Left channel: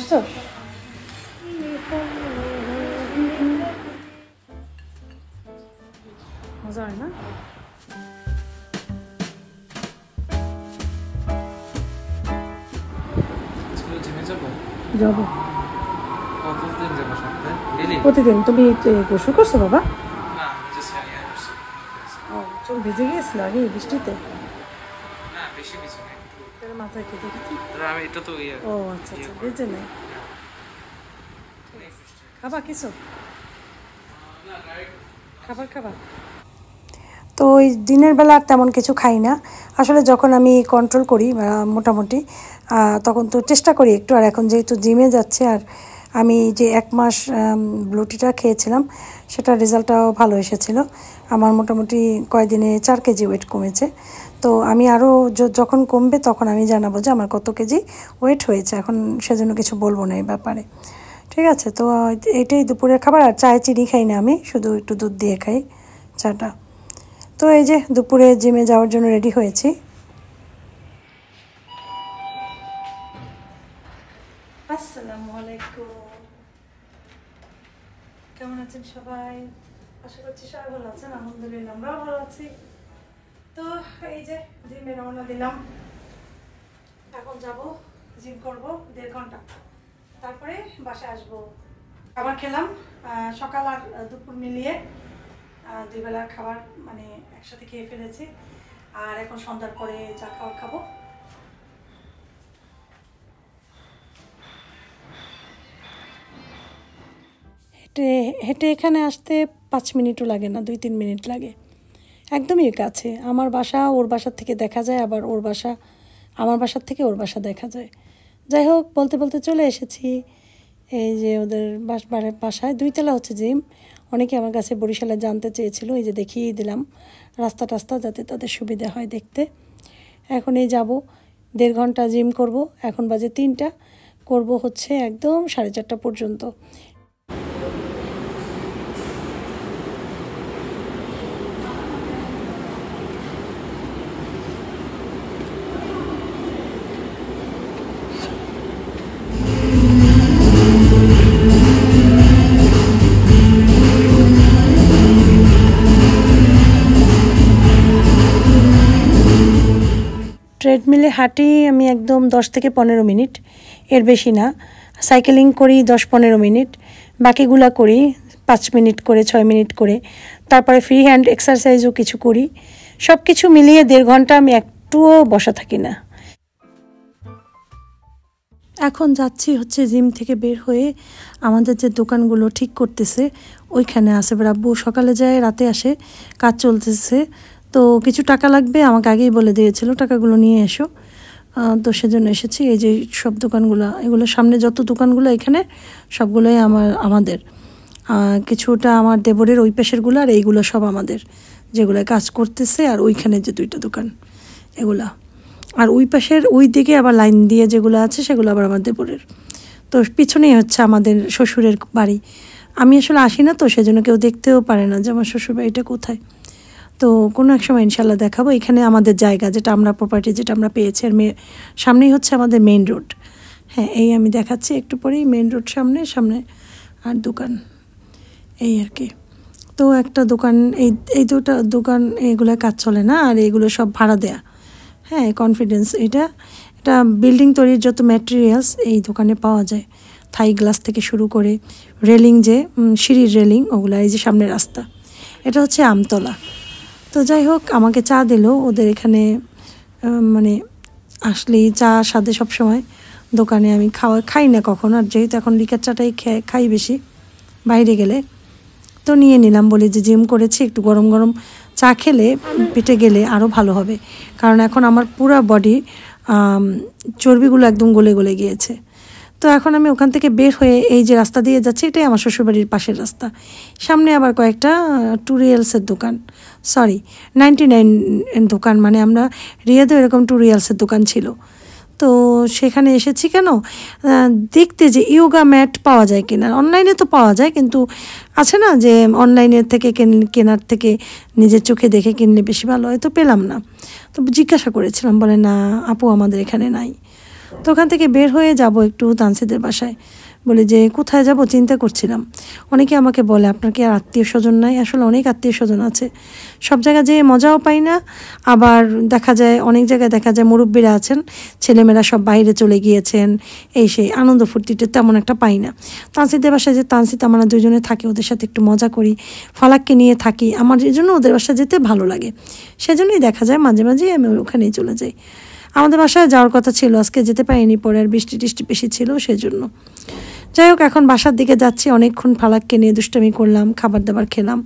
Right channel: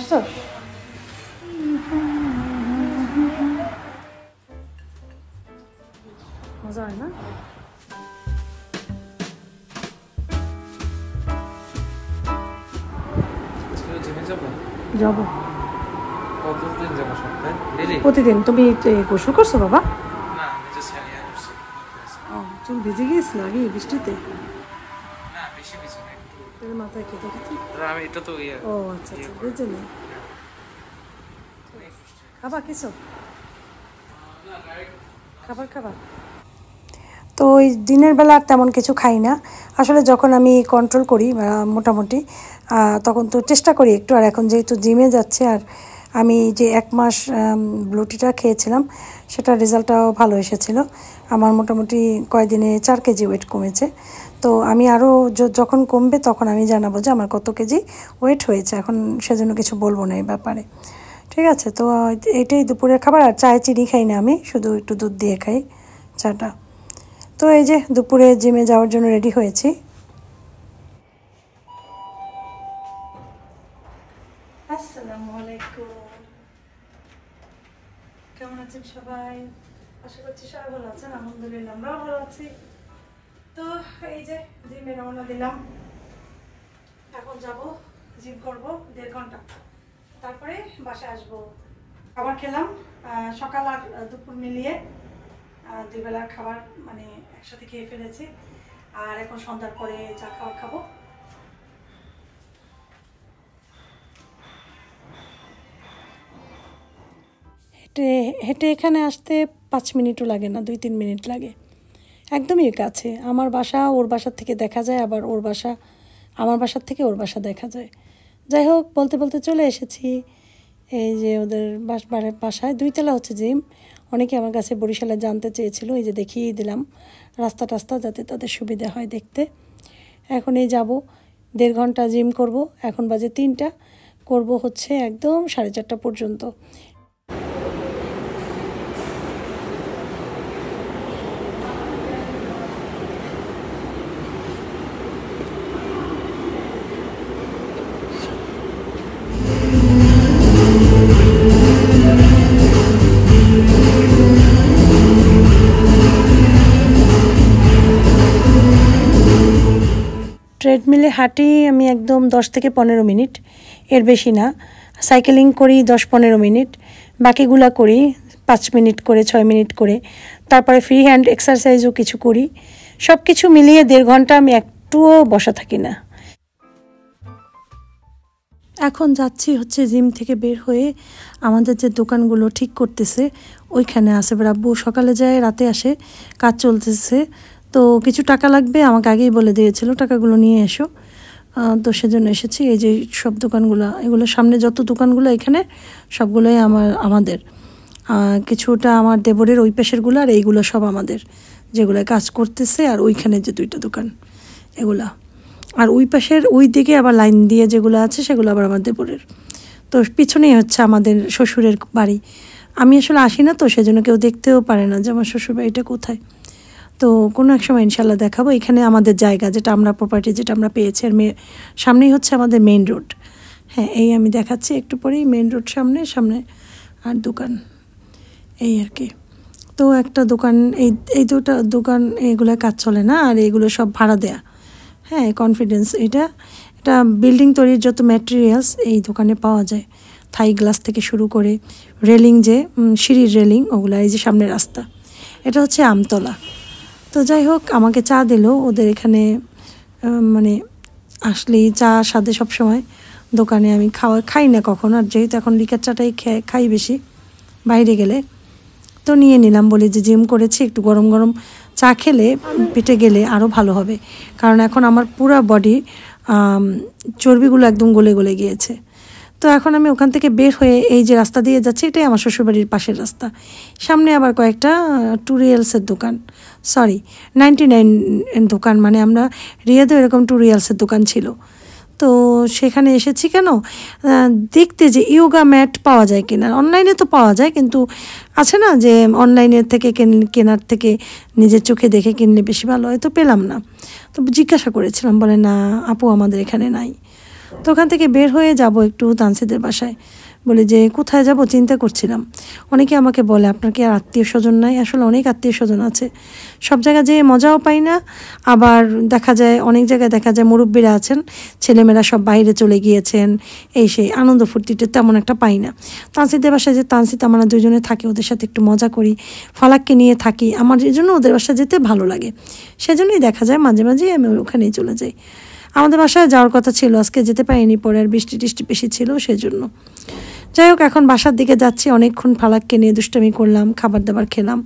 আসছো? মজা হয় না? যাবো। প্রতিদিন তুমি গোসল করছো বাবা? চুল ভিজে গিয়েছিল আগে বৃষ্টিতে? মাথায় কেটে গেছে। ও আচ্ছা আচ্ছা, বুঝতে না। খাবা কিছু? খাবার তো ওই দিনের বেলা আর তেমন কিছু খাই না আসলে। যখন আমি কন্ট্রোল করি মোটামুটি, তখন তো চেষ্টা করি একটু। আর এখন যেহেতু জিমে যাচ্ছে, আর আমি যে 1 মাস ব্লুটিটা খেয়েছিলাম সেটার রেজাল্টটাও ভালো এসেছিল। আমার মোটামুটি কয়েকদিনে 4 কেজি ওয়েট কমেছে। তো আমি আরও যখন কমবে তখন আমি জানাবো যে আমার কত কেজি ওয়েট হয়েছে। এখন সেজন্য কিছু বলবো না এই ব্যাপারে, ঠিক আছে? তো এটাই দুপুরের খাবার। আর চায়ে চিনি খাই না আমি, শুধু একটু দুধ দিয়ে খাই চাটা। তো এই যে দুপুরে জিমে যাওয়ার জন্য রেডি হয়েছি। আসসালামু আলাইকুম, কেমন আছেন সবাই? আশা করছি সবাই ভালো আছেন। আলহামদুলিল্লাহ আমরাও ভালো আছি। তো এই যে জিমে রওনা দিলাম, এখন যাব জিম করব 1.5 ঘন্টা, তারপরে বাসায় আসবো। খাবার খেলাম সকাল আর দুপুর মিলিয়ে, 2 বেলার খাবার মানে একসাথে খেয়ে ফেলেছি। আর এখন সন্ধ্যার পরে চা খাবার খাবো। হেঁটে এখানে আসতে 5 মিনিটও লাগে না, 2-3 মিনিট লাগে, একদমই কাছে। আমার বাসা ওর বাসার থেকে দেখা যায়, আবার ওর বাসা আমার বাসার থেকে ওর বাসা দেখা যায়। যাই হোক, বলতে বলতে চলে এসেছি এই যে ওদের বাসায়। 2 তলা হচ্ছে জিম। অনেকে আমার কাছে বরিশালে জানতে চেয়েছিল, এই যে দেখিয়ে দিলাম রাস্তা টাস্তা, যাতে তাদের সুবিধা হয় দেখতে। এখন এই যাব 1.5 ঘন্টা জিম করব। এখন বাজে 3টা, করব হচ্ছে একদম 4:30 পর্যন্ত। ট্রেডমিলে হাঁটি আমি একদম 10 থেকে 15 মিনিট, এর বেশি না। সাইকেলিং করি 10-15 মিনিট, বাকিগুলা করি 5 মিনিট করে, 6 মিনিট করে। তারপরে ফ্রি হ্যান্ড এক্সারসাইজও কিছু করি। সব কিছু মিলিয়ে 1.5 ঘন্টা আমি একটুও বসা থাকি না। এখন যাচ্ছি হচ্ছে জিম থেকে বের হয়ে আমাদের যে দোকানগুলো ঠিক করতেছে ওইখানে আছে। আব্বু সকালে যায়, রাতে আসে, কাজ চলতেছে। তো কিছু টাকা লাগবে, আমাকে আগেই বলে দিয়েছিল টাকাগুলো নিয়ে এসো। তো সেজন্য এসেছি। এই যে সব দোকানগুলো, এগুলো সামনে যত দোকানগুলো এখানে সবগুলোই আমাদের। কিছুটা আমার দেবরের ওই পেশেরগুলো, আর এইগুলো সব আমাদের, যেগুলো কাজ করতেছে। আর ওইখানে যে 2টা দোকান এগুলা, আর ওই পাশের ওই দিকে আবার লাইন দিয়ে যেগুলো আছে সেগুলো আবার আমার দেবরের। তো পিছনেই হচ্ছে আমাদের শ্বশুরের বাড়ি। আমি আসলে আসি না, তো সেজন্য কেউ দেখতেও পারে না যে আমার শ্বশুর বাড়িটা কোথায়। তো কোনো এক সময় ইনশাল্লাহ দেখাবো। এখানে আমাদের জায়গা, যেটা আমরা প্রপার্টি যেটা আমরা পেয়েছি, আর সামনেই হচ্ছে আমাদের মেইন রোড। হ্যাঁ, এই আমি দেখাচ্ছি একটু পরেই মেইন রোড সামনে আর দোকান, এই আর কি। তো একটা দোকান, এই 2টা দোকান, এগুলো কাজ চলে না, আর এগুলো সব ভাড়া দেয়া। হ্যাঁ, কনফিডেন্স। এটা বিল্ডিং তৈরির যত ম্যাটেরিয়ালস এই দোকানে পাওয়া যায়। থাই গ্লাস থেকে শুরু করে রেলিং, যে সিঁড়ির রেলিং, ওগুলো। এই যে সামনে রাস্তা, এটা হচ্ছে আমতলা। তো যাই হোক, আমাকে চা দিল ওদের এখানে। মানে আসলেই চা স্বাদে সবসময়। দোকানে আমি খাই না কখনো, আর যেহেতু এখন লিকার চাটাই খাই বেশি বাইরে গেলে, তো নিয়ে নিলাম। বলি যে জিম করেছি, একটু গরম গরম চা খেলে পেটে গেলে আরও ভালো হবে। কারণ এখন আমার পুরো বডি চর্বিগুলো একদম গলে গলে গিয়েছে। তো এখন আমি ওখান থেকে বের হয়ে এই যে রাস্তা দিয়ে যাচ্ছি, এটাই আমার শ্বশুরবাড়ির পাশের রাস্তা। সামনে আবার কয়েকটা টুরিয়ালসের দোকান, 99 দোকান। মানে আমরা রিয়াদেও এরকম টুরিয়ালসের দোকান ছিল। তো সেখানে এসেছি কেন, দেখতে যে ইয়োগা ম্যাট পাওয়া যায় কিনা। অনলাইনে তো পাওয়া যায়, কিন্তু আছে না যে অনলাইনের থেকে কেনার থেকে নিজের চোখে দেখে কিনলে বেশি ভালো হয়। তো পেলাম না, তো জিজ্ঞাসা করেছিলাম, বলে না আপু আমাদের এখানে নাই। তো ওখান থেকে বের হয়ে যাব একটু তানসিদের বাসায়। বলে যে কোথায় যাব চিন্তা করছিলাম। অনেকে আমাকে বলে আপনার কি আর আত্মীয় স্বজন নাই? আসলে অনেক আত্মীয় স্বজন আছে, সব জায়গায় যেয়ে মজাও পাই না। আবার দেখা যায় অনেক জায়গায় দেখা যায় মুরব্বীরা আছেন, ছেলেমেয়েরা সব বাইরে চলে গিয়েছেন, এই সেই আনন্দ ফুর্তিটা তেমন একটা পাই না। তানসিদের বাসায় যে তানসিদ আমরা দুজনে থাকি, ওদের সাথে একটু মজা করি, ফালাককে নিয়ে থাকি, আমার এই জন্য ওদের বাসায় যেতে ভালো লাগে। সেজন্যই দেখা যায় মাঝে মাঝেই আমি ওখানেই চলে যাই। আমাদের বাসায় যাওয়ার কথা ছিল, আজকে যেতে পারিনি, পরে আর বৃষ্টি টিষ্টি বেশি ছিল সেজন্য। যাই হোক, এখন বাসার দিকে যাচ্ছি। অনেকক্ষণ ফালাককে নিয়ে দুষ্টামি করলাম, খাবার দাবার খেলাম,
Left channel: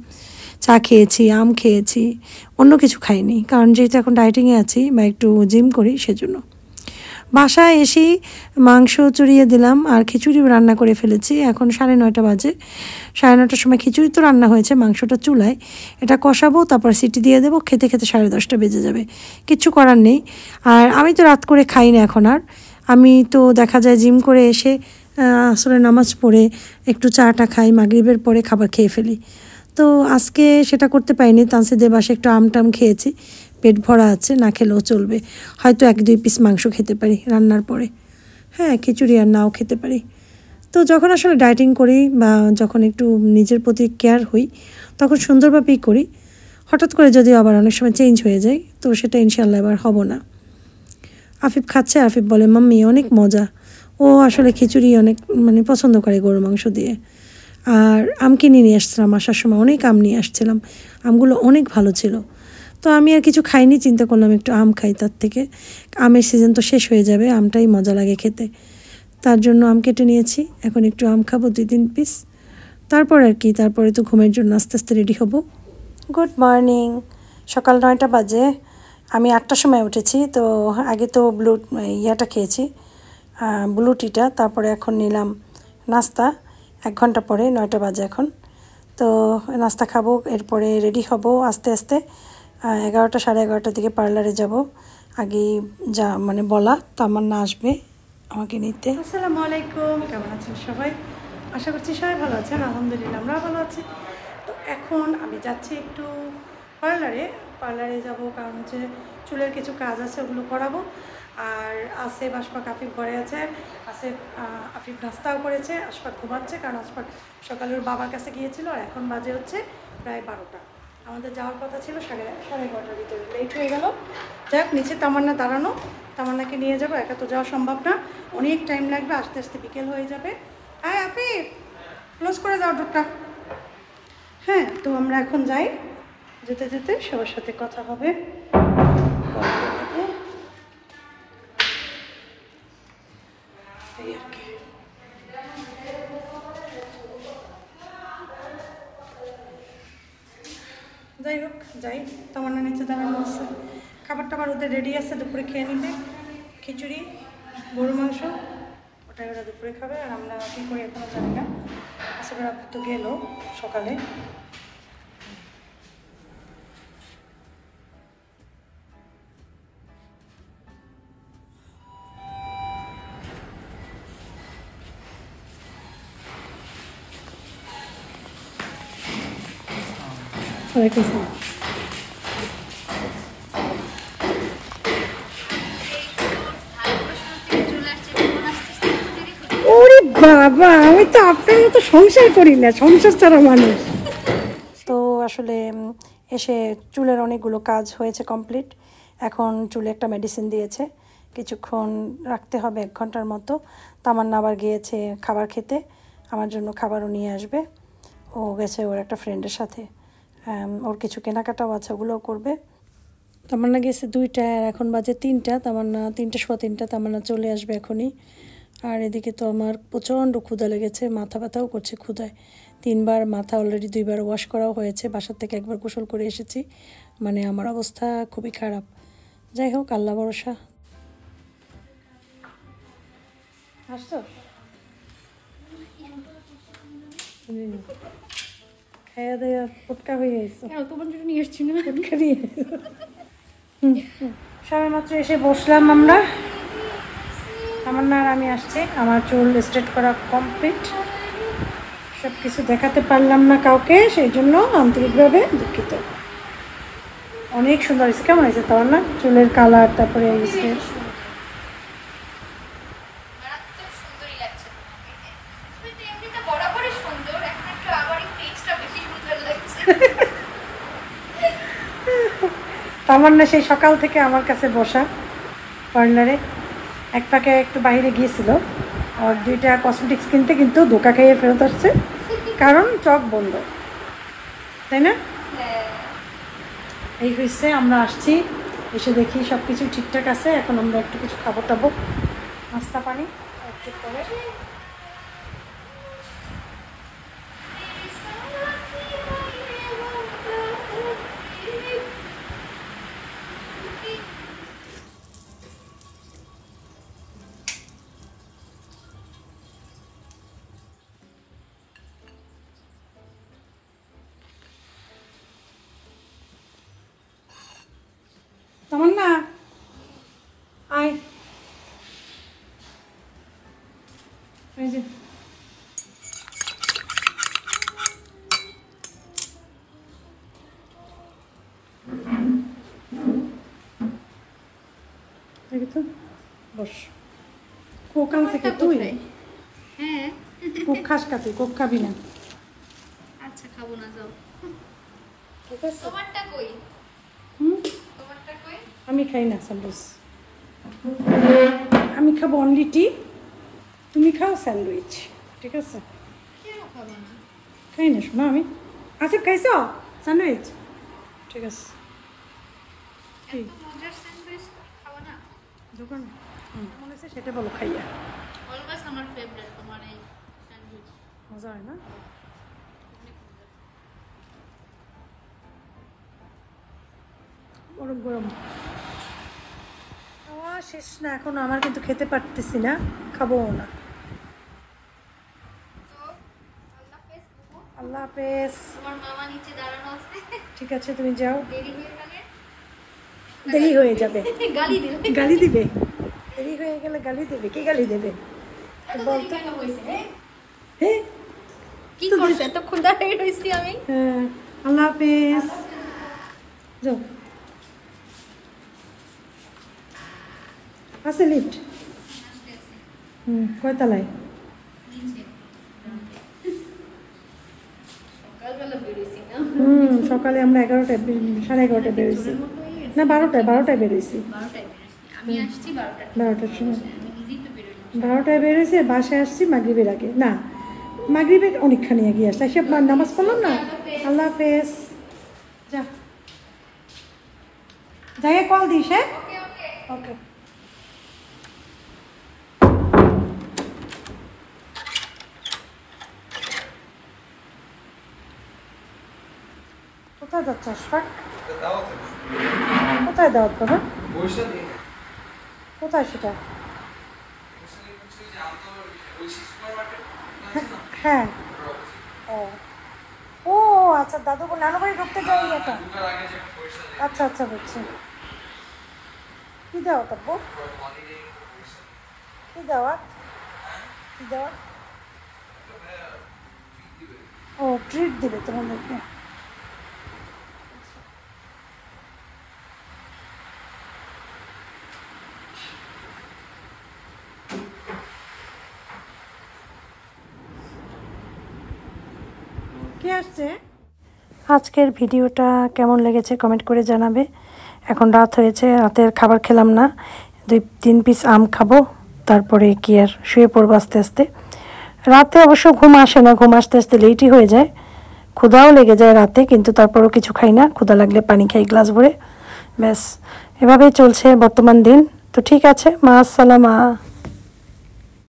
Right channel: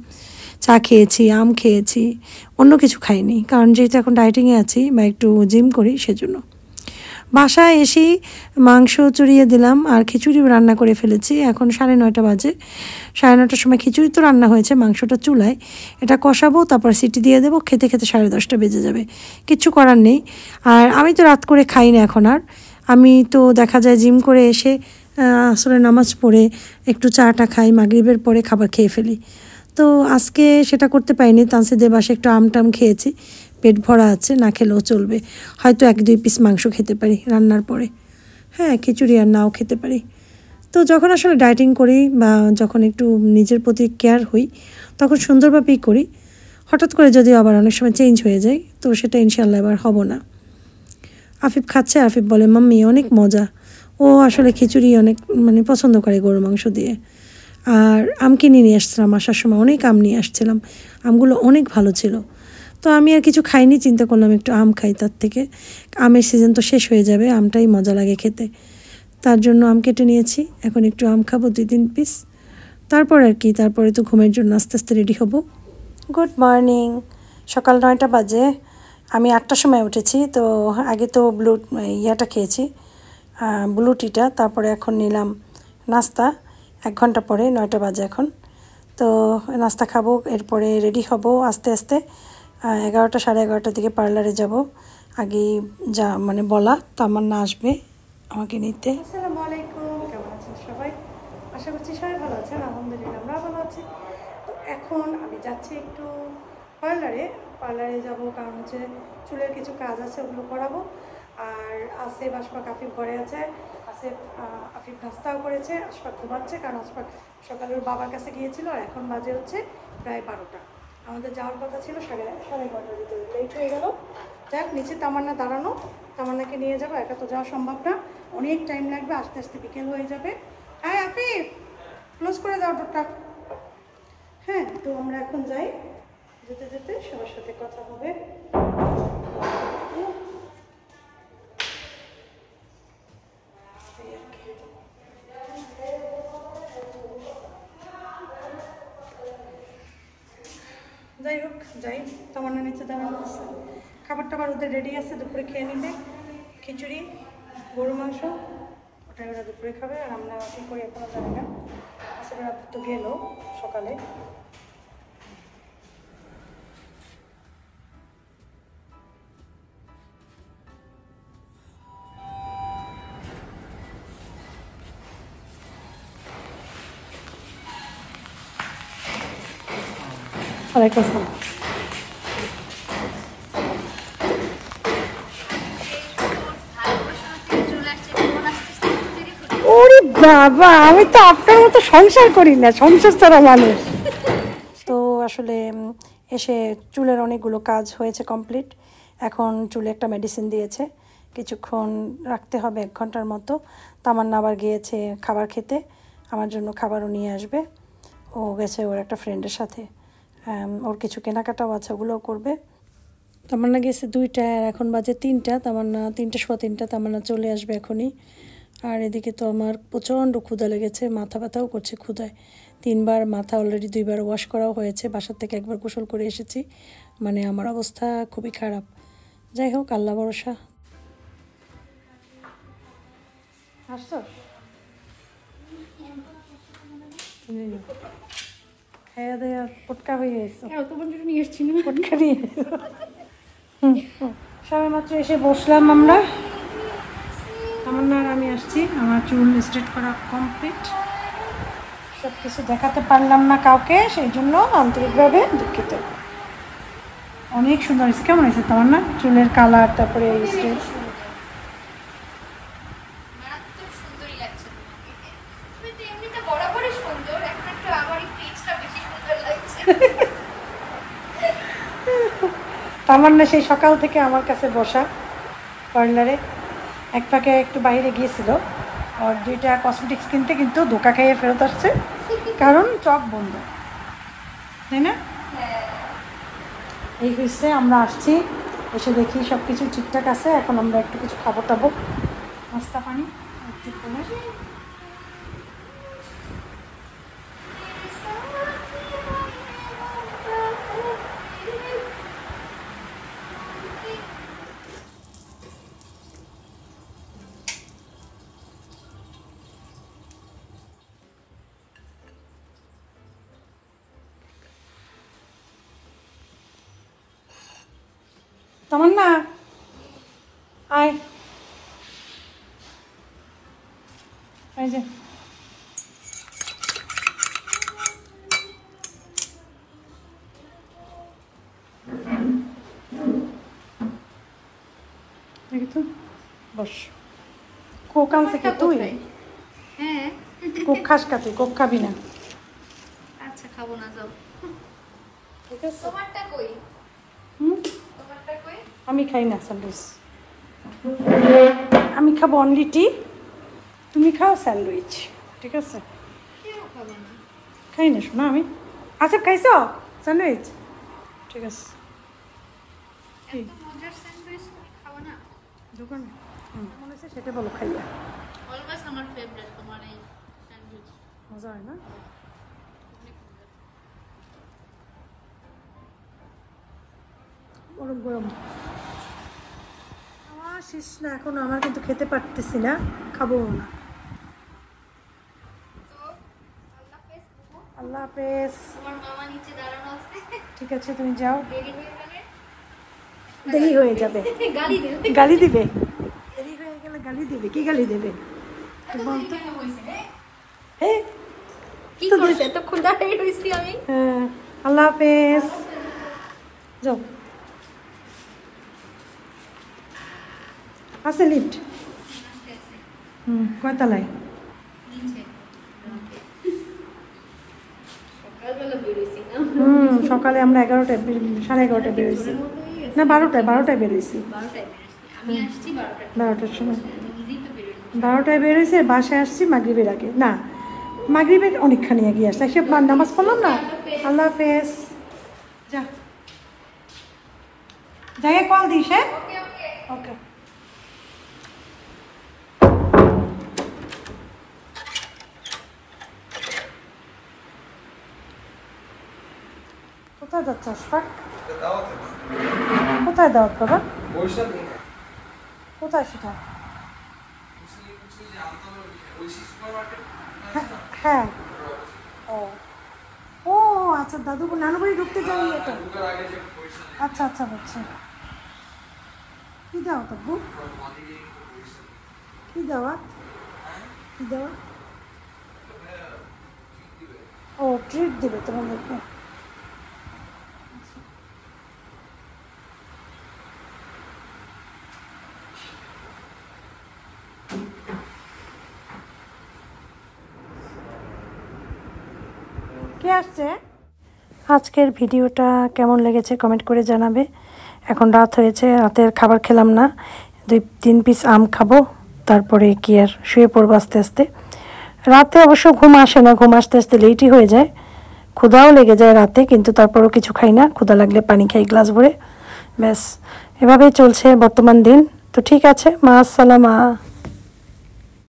চা খেয়েছি, আম খেয়েছি, অন্য কিছু খাইনি, কারণ যেহেতু এখন ডায়েটিংয়ে আছি বা একটু জিম করি সেজন্য। বাসায় এসেই মাংস চড়িয়ে দিলাম আর খিচুড়ি রান্না করে ফেলেছি। এখন 9:30 বাজে। 9:30টার সময় খিচুড়ি তো রান্না হয়েছে, মাংসটা চুলায়, এটা কষাবো, তারপর সিটি দিয়ে দেবো, খেতে খেতে 10:30 বেজে যাবে, কিচ্ছু করার নেই। আর আমি তো রাত করে খাই না এখন আর। আমি তো দেখা যায় জিম করে এসে আসলে নামাজ পড়ে একটু চাটা খাই, মাগরিবের পরে খাবার খেয়ে ফেলি। তো আজকে সেটা করতে পারিনি। তানসিদের বাসায় একটু আমটাম খেয়েছি, পেট ভরা আছে, না খেলেও চলবে। হয়তো 1-2 পিস মাংস খেতে পারি রান্নার পরে, হ্যাঁ খিচুড়ি আর নাও খেতে পারি। তো যখন আসলে ডায়েটিং করি বা যখন একটু নিজের প্রতি কেয়ার হই তখন সুন্দরভাবেই করি। হঠাৎ করে যদি আবার অনেক সময় চেঞ্জ হয়ে যায় তো সেটা ইনশাল্লাহ এবার হব না। আফিফ খাচ্ছে, আফিফ বলে মাম্মি অনেক মজা। ও আসলে খিচুড়ি অনেক পছন্দ করে গরু মাংস দিয়ে। আর আম কিনে নিয়ে আসছিলাম, আসার সময় অনেক আম নিয়ে আসছিলাম, আমগুলো অনেক ভালো ছিল। তো আমি আর কিছু খাইনি, চিন্তা করলাম একটু আম খাই, তার থেকে আমের সিজন তো শেষ হয়ে যাবে, আমটাই মজা লাগে খেতে, তার জন্য আম কেটে নিয়েছি। এখন একটু আম খাবো 2-3 পিস, তারপর আর কি, তারপরে তো ঘুমের জন্য আস্তে আস্তে রেডি হব। গুড মর্নিং, সকাল 9টা বাজে। আমি 8টার সময় উঠেছি। তো আগে তো ইয়াটা খেয়েছি, ব্লু টিটা, তারপরে এখন নিলাম নাস্তা 1 ঘন্টা পরে, 9টা বাজে এখন। তো নাস্তা খাবো, এরপরে রেডি হব আস্তে আস্তে। 11টা 11:30 দিকে পার্লারে যাব। আগেই যা বলা, তামান্না আসবে আমাকে নিতে। আসসালামু আলাইকুম, কেমন আছেন সবাই? আশা করছি সবাই ভালো আছেন, আলহামদুলিল্লাহ আমরা ভালো আছি। তো এখন আমি যাচ্ছি একটু পার্লারে যাব, কারণ হচ্ছে চুলের কিছু কাজ আছে, ওগুলো করাবো। আর আসে আশফাক, আফিফ ঘরে আছে, আফিফ নাস্তাও করেছে, আশফাক ঘুমাচ্ছে, কারণ আশফাক সকালে ওর বাবার কাছে গিয়েছিল। আর এখন বাজে হচ্ছে প্রায় 12টা। আমাদের যাওয়ার কথা ছিল 11:30টার ভিতরে, লেট হয়ে গেল। যাই হোক, নিচে তামান্না দাঁড়ানো, তামান্নাকে নিয়ে যাবো, একা তো যাওয়া সম্ভব না, অনেক টাইম লাগবে, আস্তে আস্তে বিকেল হয়ে যাবে। হ্যাঁ আফিফ, ক্লোজ করে দাও ডোরটা। হ্যাঁ, তো আমরা এখন যাই, যেতে যেতে সবার সাথে কথা হবে। যাই হোক, যাই, তোমার নিচে দাঁড়ানো আছে, খাবার টাবার ওদের রেডি আছে, দুপুরে খেয়ে নিবে। খিচুড়ি, গরু মাংস, ওটা ওরা দুপুরে খাবে। আর আমরা কী করি এখনও জানি না। আসলে আপু তো গেল সকালে। ওয়ালাইকুম আসসালাম। ওরে বাবা, আমি তো আপনার মতো সংসার করি না, সংসার ছাড়া মানুষ। তো আসলে এসে চুলের অনেকগুলো কাজ হয়েছে কমপ্লিট। এখন চুলে একটা মেডিসিন দিয়েছে, কিছুক্ষণ রাখতে হবে, 1 ঘন্টার মতো। তামান্না আবার গিয়েছে খাবার খেতে, আমার জন্য খাবারও নিয়ে আসবে। ও গেছে ওর একটা ফ্রেন্ডের সাথে, ওর কিছু কেনাকাটাও আছে, ওগুলোও করবে। তামান্না গেছে 2টা, আর এখন বাজে 3টা। তামান্না 3:15, তামান্না চলে আসবে এখনই। আর এদিকে তো আমার প্রচণ্ড ক্ষুধা লেগেছে, মাথা ব্যথাও করছে ক্ষুধায়। 3বার মাথা অলরেডি 2বার ওয়াশ করাও হয়েছে, বাসার থেকে 1বার গোসল করে এসেছি। আমার অবস্থা খুবই খারাপ। যাই হোক, আল্লাহ ভরসা। সবাই মাত্র এসে বসলাম আমরা, তামান্না আর আমি আসছি। আমার চুল স্ট্রেট করা কমপ্লিট, সব কিছু দেখাতে পারলাম না কাউকে, সেই জন্য আন্তরিকভাবে দুঃখিত। অনেক সুন্দর হয়েছে, কেমন হয়েছে তামান্না চুলের কালার? তারপরে তামান্না সেই সকাল থেকে আমার কাছে বসা কর্নারে, এক ফাঁকে একটু বাইরে গিয়েছিল আর 2টা কসমেটিক্স কিনতে, কিন্তু ধোকা খেয়ে ফেরত আসছে কারণ চক বন্ধ, তাই না? এই হয়েছে, আমরা আসছি, এসে দেখি সব কিছু ঠিকঠাক আছে। এখন আমরা একটু কিছু খাবো টাবো, নাস্তা পানি ঠিক করে। তামান্না আয়, এই যে বস। কোক আনছে কি তুই? হ্যাঁ কোক খাস কা? তুই কোক খাবি না? আচ্ছা খাবো না, যাও। ঠিক আছে, তোমারটা কই? তোমারটা কই? আমি খাই না স্যান্ডউইচ, আমি খাবো অনলি টি, তুমি খাও স্যান্ডউইচ, ঠিক আছে? কেন খাবো না? খাই না শোনা আমি। আচ্ছা খাইছ স্যান্ডউইচ? ঠিক আছে। এত মজার স্যান্ডউইচ খাবো না? দোকানে মনে হচ্ছে সেটা বলো খাইয়া। অলওয়েজ আমার ফেভারিট তোমার এই স্যান্ডউইচ, মজা হয় না? অনেক মজা। গরম গরম শেষ না এখন, আমার কিন্তু খেতে পারতেছি না, খাবো না। তো আল্লাহ হাফেজ। আল্লাহ হাফেজ। তোমার মামা নিচে দাঁড়ানো আছে, ঠিক আছে তুমি যাও, দেরি হয়ে গেলে দেরি হয়ে যাবে, গালি দিবে। গালি দিবে, দেরি হয়ে গেলে গালি দিবে। কি গালি দেবে বলতো? কেন হইছে? হ্যাঁ কি করছে? এত ক্ষুধা হয়ে রইছি আমি। হ্যাঁ, আল্লাহ হাফেজ, যাও। আছে লিফট? কয়তলায়? নিচে। সকালবেলা বেরিয়েছি না? সকালে আমরা 11টায়, 11:30টায় বেরোইছি, না 12টায় বেরোইছি। 12টায় বেরিয়েছি আমি, আসছি 12টায়। 12টার সময়, আমি নিজেই তো বেরোইনি। 12টায় বেরোইছে, বাসায় আসছি মাগরিবের আগে, না মাগরিবের অনেকখানি এগিয়ে আসছে, সে নামাজ পড়লাম না। আল্লাহ হাফেজ, যা যাই কল দিস। হ্যাঁ ওকে ওকে। ওকে। কোথায় যাচ্ছে আশফাক? কোথায় দাওয়াত বাবা? কোথায় সেটা? হ্যাঁ, ও আচ্ছা, দাদু নানু বাড়ি ঢুকতে যাই এটা। আচ্ছা আচ্ছা বুঝছি। কি দাওয়াত আব্বু? কি দাওয়াত? কি দাওয়াত? ও ট্রিট দেবে তোমাদেরকে। কে আসছে? আজকের ভিডিওটা কেমন লেগেছে কমেন্ট করে জানাবে। এখন রাত হয়েছে, রাতের খাবার খেলাম না, 2-3 পিস আম খাবো, তারপরে কি আর শুয়ে পড়বো আস্তে আস্তে। রাতে অবশ্য ঘুম আসে না, ঘুম আসতে আসতে লেটই হয়ে যায়, ক্ষুধাও লেগে যায় রাতে, কিন্তু তারপরও কিছু খাই না, ক্ষুধা লাগলে পানি খাই গ্লাস ভরে, ব্যাস এভাবেই চলছে বর্তমান দিন। তো ঠিক আছে, মা আসসালামা।